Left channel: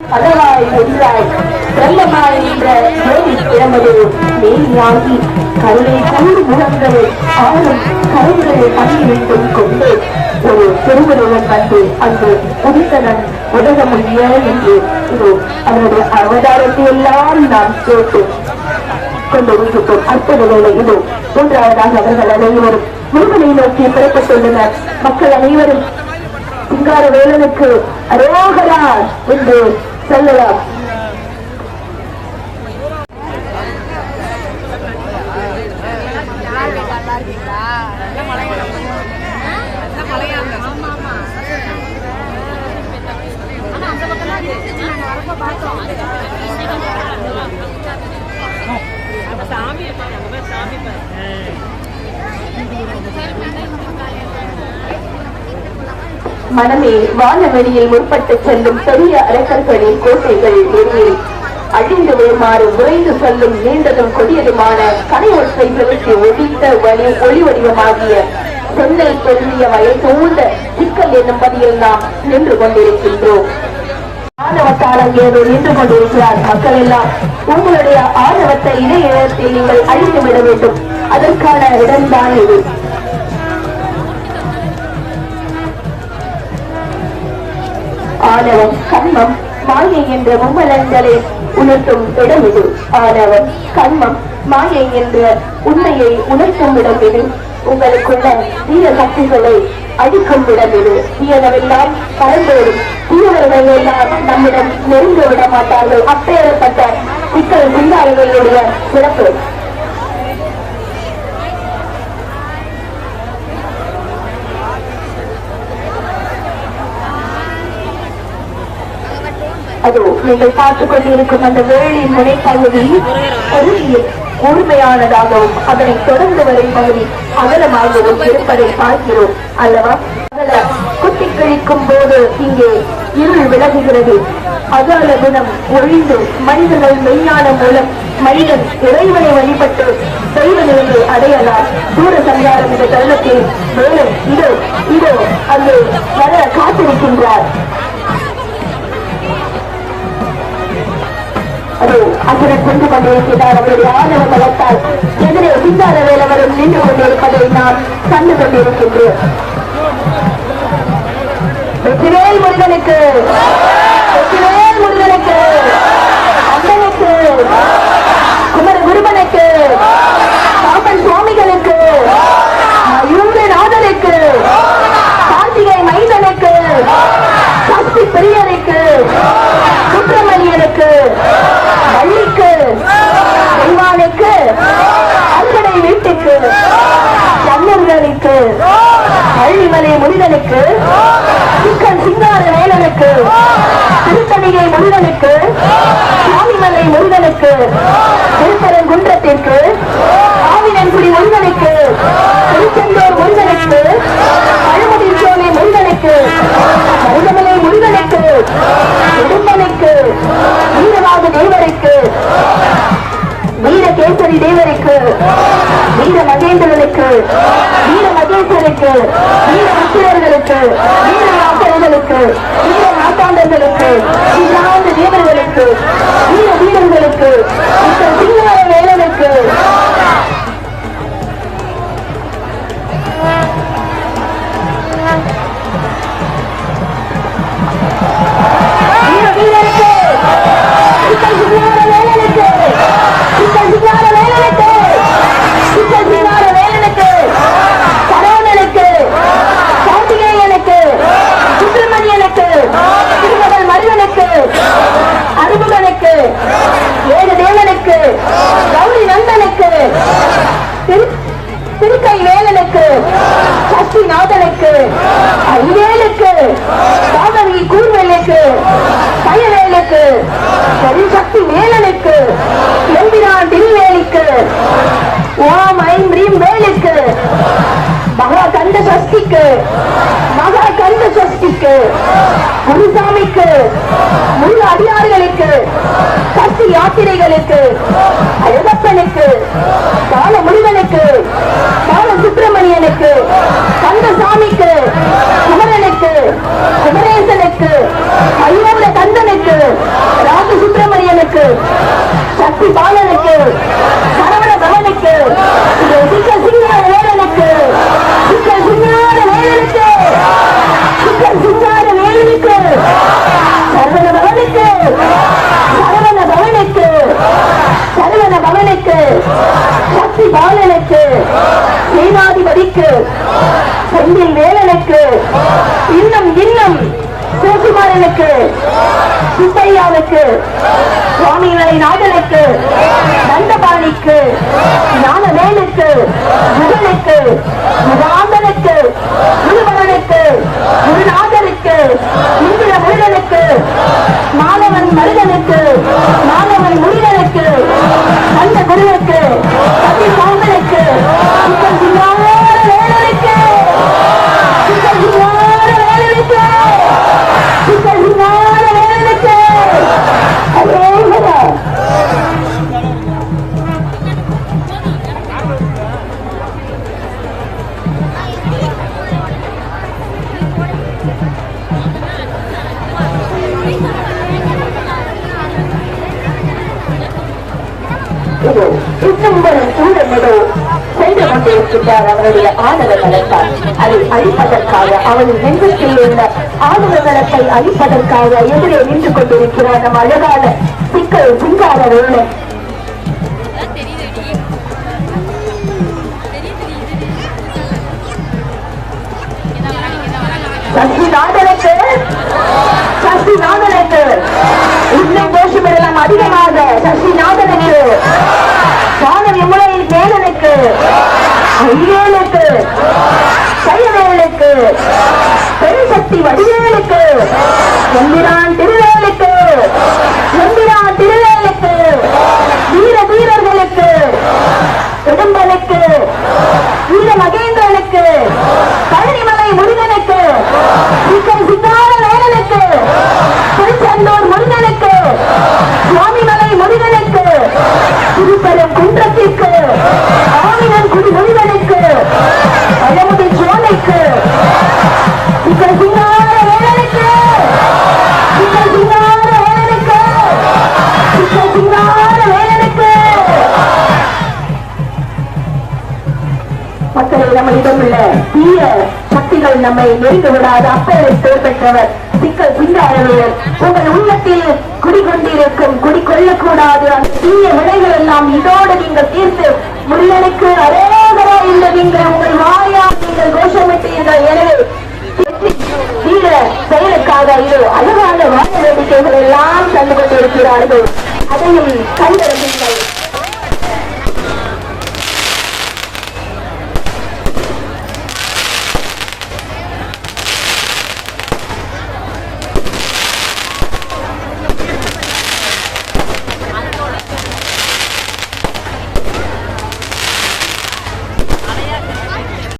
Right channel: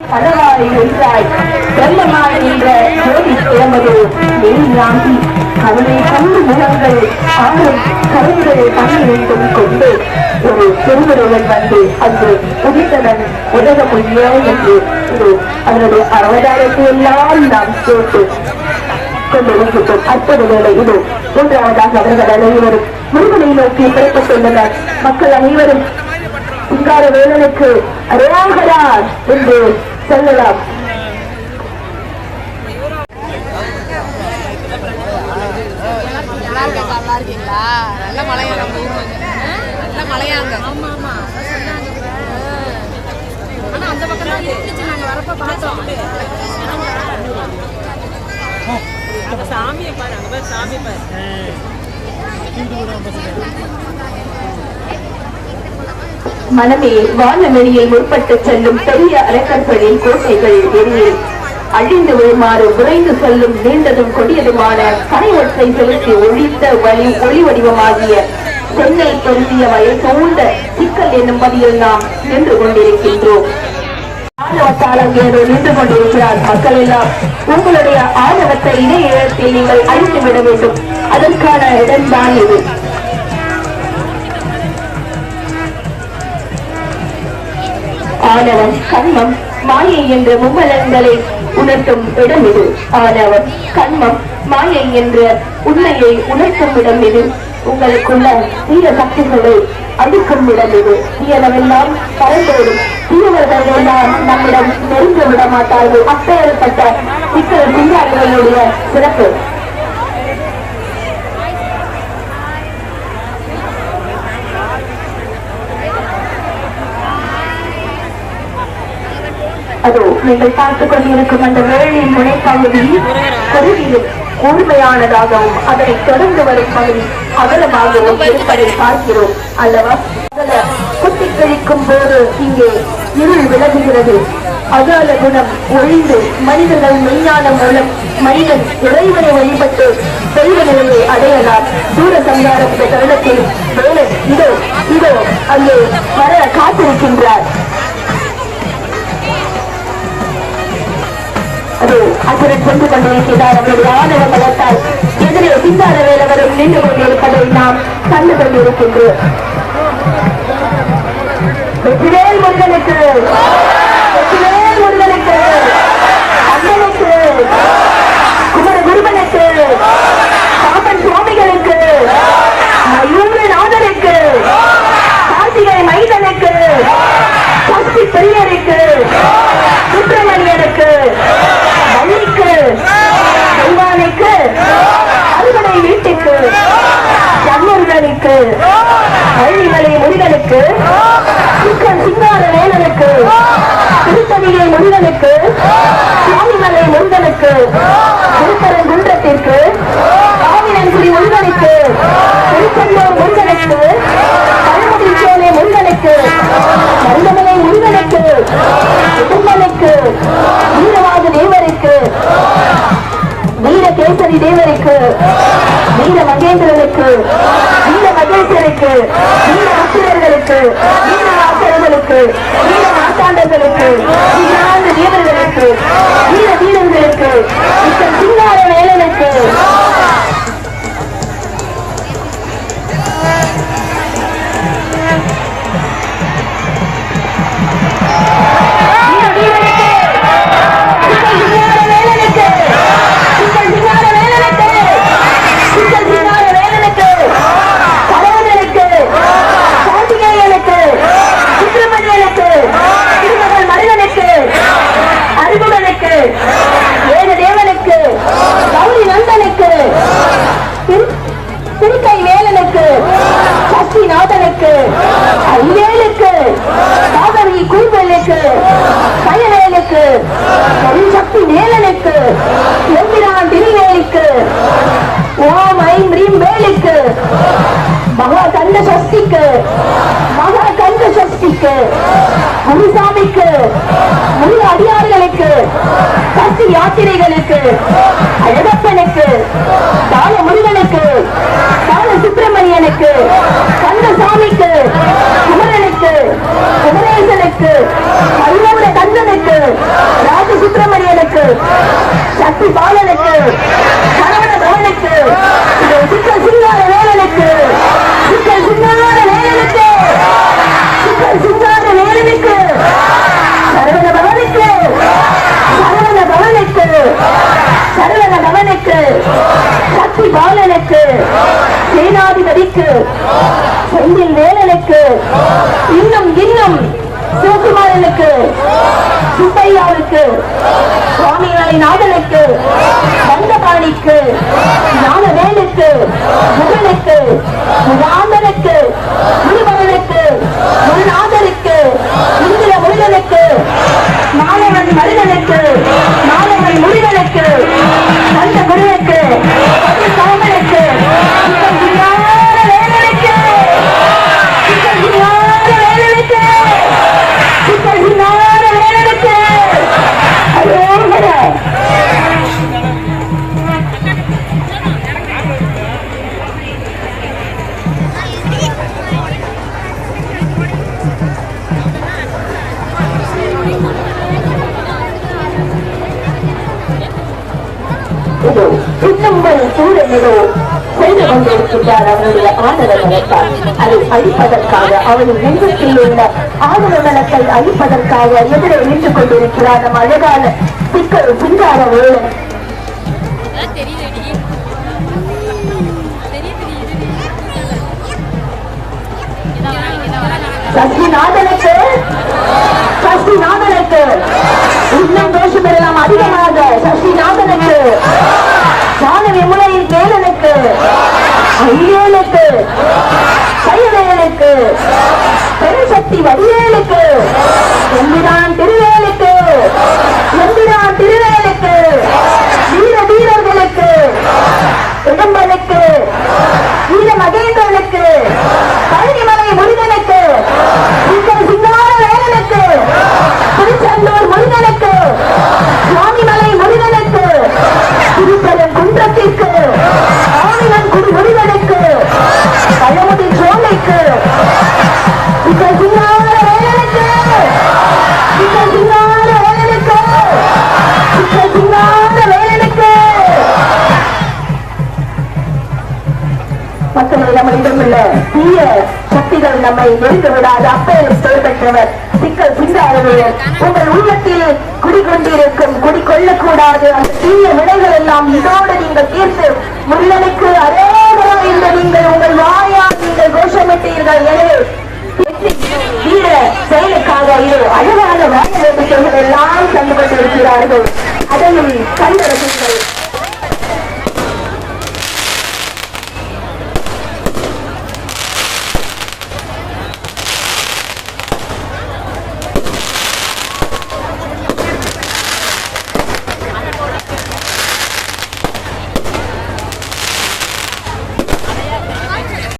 பதவாய் என்றாய். பிரம்மமாய் என்ற ஜோதி பிறமது மேலியாகி கருணை கண்டு முகங்கள் ஆறும் கருங்களை பன்னிரண்டும் கொண்டு ஒரு திருமுருகன் வந்து அன்று உதித்தனன் உலக முடிய என்று இது அவருடைய அவதாரத்தை எல்லாம் நாம் கேட்டு கொண்டிருக்கிறோம் அற்புதங்களை இது மூன்றாவதாக அவர்கள் அனைவரும் முருகனை நோக்கி புறப்பட்டுள்ளனர். மக்கள் அனைவரும் சிங்கார வேலனுக்கு அரோகரா என்று சொல்லலாம். சாமியை பாரு சாமி பாரு மனமே வானவெளியில் முற்பட்டு செல்லும் பெரிய அரக்கர்களின் கோட்டைகள் வெளியில் அழிந்து விழுமாறு விரைந்து செல்லும் நீண்டதும் கொடியதுமான கனை ஒற்றை ஒழித்த வழி ஒளி வடிவமாகிய சென்னை பொருந்திய வயல் சூழ்ந்த சிக்கல் என்னும் பதியில் நாம் நின்று கொண்டிருக்கின்றோம். ஆணவத்தால் நின்று கொண்டிருக்கிறார் மக்கள் எல்லாம் உங்களுடைய ஆணவத்தை இணையத்தில் இடத்தில் நீங்கள் அழித்துவிட வேண்டும். அதற்கான இடம்தான் இது. ஆணவம் கண்மம் மாயை என்ற மும்மலன்களை உணர்த்தும் இடம் இது. ஆணவம் கண்மம் மாயை என்ற உண்மையை உணர்த்தும் இடம் இது. உங்களுக்குள்ள தீய சக்திகளை அழிக்கும் இடம் இது. தீயவரெல்லாம் பறந்தோடும் தீயவர்கள் எல்லாம் நம்மிடம் நெருங்க விட மாட்டார்கள். அப்பேற்பட்ட சிக்கல் சிங்காரர்களுடைய சிறப்பு. அதோ நீங்கள் பார்த்துக் கொண்டிருக்கும் அந்த வேளின் முனைப்பகுதி பகுதியில் கூர்மையானதாகவும் அதனை தொடர்ந்து வரும் பகுதி அகலமாகவும் இருப்பதை பார்க்கிறோம் அல்லவா? அகல குத்தி கழிக்கும் போது இங்கே இருள் விலகுகிறது. அகால குணம் ஒழிந்து மனிதர்கள் மெய்ஞான மூலம் மனிதன் இறைவனை வழிபட்டு தெய்வ நிலையை அடையலாம். சூர சங்காரம் இந்த தருணத்தில் மேலே இதோ இதோ அங்கே வர காத்திருக்கின்றார். அது அசுரன் சென்று கொண்டிருக்கிறார் அவருடைய ஆதரவு பலத்தால் எதிரே சிந்தாத வேலவரும் நின்று கொண்டிருப்பதை நாம் கண்டு கொண்டிருக்கின்றோம் வெற்றிவேல் முருகனுக்கு வெற்றிவேல் முருகனுக்கு அண்ணனுக்கு குமர குருபனுக்கு பாப்பன் சுவாமிகளுக்கு மயூரநாதனுக்கு கார்த்திகை மைதனுக்கு சக்தி பெரியருக்கு சுப்பிரமணியனுக்கு முருகனுக்கு பள்ளிமலை முருகனுக்கு சிக்கன் சிங்கார வேலனுக்கு. திருத்தணிகை முருகனுக்கு சுவாமிமலை முருகனுக்கு திருப்பரங்குன்றத்திற்கு. ஆவினன்குடி முருகனுக்கு திருச்செந்தூர் முருகனுக்கு பழமுதி சோலை முருகனுக்கு மருதமலை முருகனுக்கு உடும்பனுக்கு. வீரவாத தேவருக்கு. வீரகேசரி தேவருக்கு. வீர மகேந்திரனுக்கு வீர மகேஸ்வருக்கு வீர முத்திரர்களுக்கு வீர ஆசிரியர்களுக்கு வீர மாசாண்டர்களுக்கு வீராந்த தேவர்களுக்கு வீர வீரர்களுக்கு சின்ன வேலைகளுக்கு வேலனுக்கு கயவேலுக்கு வேலனுக்கு எம்பிரான் திருவேலுக்கு ஓம் ஐம் ரீம் வேலுக்கு மகா கண்ட சஷ்டிக்கு மகா கண்ட சஷ்டிக்கு குருசாமிக்கு முழு அடியார்களுக்கு சஷ்டி யாத்திரைகளுக்கு அழகப்பனுக்கு பால முருகனுக்கு பால சுப்ர சுப்பிரமணியனுக்கு கந்தசாமிக்கு குமரனுக்கு குமரேசனுக்கு ஐநூறு கந்தனுக்கு ராஜ சுப்பிரமணியனுக்கு சக்தி பாலனுக்கு சரவண பவனுக்கு பவனுக்கு சக்தி பாலனுக்கு சேனாதிபதிக்கு செந்தில் வேலனுக்கு இன்னும் இன்னும் சிவகுமாரனுக்கு சுப்பையாவுக்கு சுவாமிநாளை நாதனுக்கு தண்டபாணிக்கு ஞானவேலுக்கு முகனுக்கு முகாந்தனுக்கு முருகனுக்கு முருநாதனுக்கு இந்திர முருகனுக்கு மாணவன் மருகனுக்கு இதோ செய்து கொண்டிருக்கின்றார் ஆணவ நலத்தால் அதை அழிப்பதற்காக நெஞ்சத்தில் உள்ள ஆணவ நலத்தை அழிப்பதற்காக எதிரே நின்று கொண்டிருக்கிறார் நம் அழகான சிக்கல் சிங்கார வேலன். சசிநாதனுக்கு சசிநாதனுக்கு இன்னும் கோஷமிடலாம் அதிகமாக பெருசக்தி வடிவேலுக்கு. எம்பிரான் திருவேலுக்கு. எம்பிரான் திருவேலுக்கு. மற்றவர்கள் நம்மளிடம் உள்ள தீய சக்திகள் நம்மை நெருங்க விடாது அப்பேரை பெற்றவர் சிக்கல் சிந்தாரவர் உங்கள் உள்ளத்தில் குடிகொண்டிருக்கும் குடிகொள்ளக்கூடாது. அந்த தீய வினைகள் எல்லாம் இதோடு நீங்கள் தீர்த்து முருகனுக்கு அரேவரா என்று நீங்கள் உங்கள் வாயால் நீங்கள் கோஷமிட்டீர்கள். எனவே வீர செயலுக்காக இது அழகான வாய வேடிக்கைகள் எல்லாம் தந்து கொண்டிருக்கிறார்கள். அதையும் கண்டறிந்தீர்கள்